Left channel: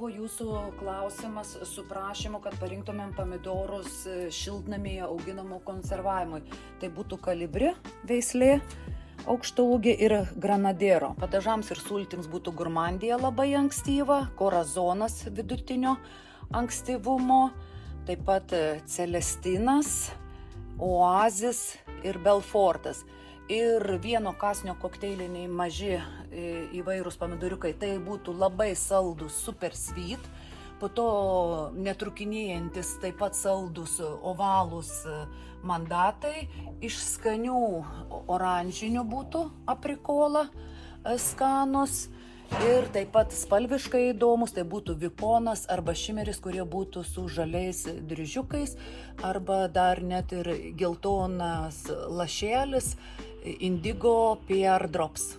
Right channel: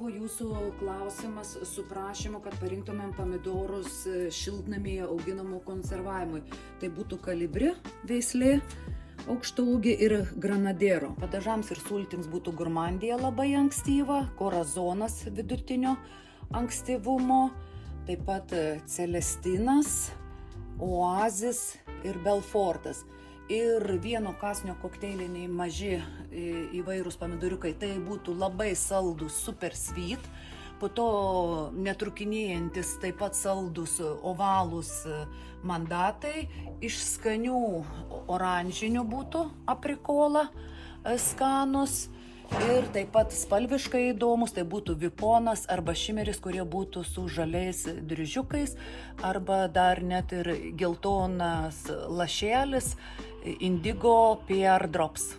buvo jūsų klausimas su prašymu, kad parinktumėm pomidorus šiltnamyje auginamų konservavimui. Tai būtų kalibri veislė, aukštaūgė ir granadero. Padažams ir sultims būtų gurmandija labai ankstyva, korazonas vidutinio ankstyvumo, taip pat celestinas, oazis ir belfortas. Ir vieno kąsnio kokteiliniai maži įvairūs pomidoriukai, tai būtų labai saldus super sweet, po to netrukinėjantis taip pat saldus ovalūs mandatai, iš skanių oranžinių būtų aprikola skanus ir taip pat spalviškai įdomus, tai būtų vikonas arba šimeris, kurie būtų su žaliais dryžiukais arba dar net ir geltonas lašelis indigo pear drops.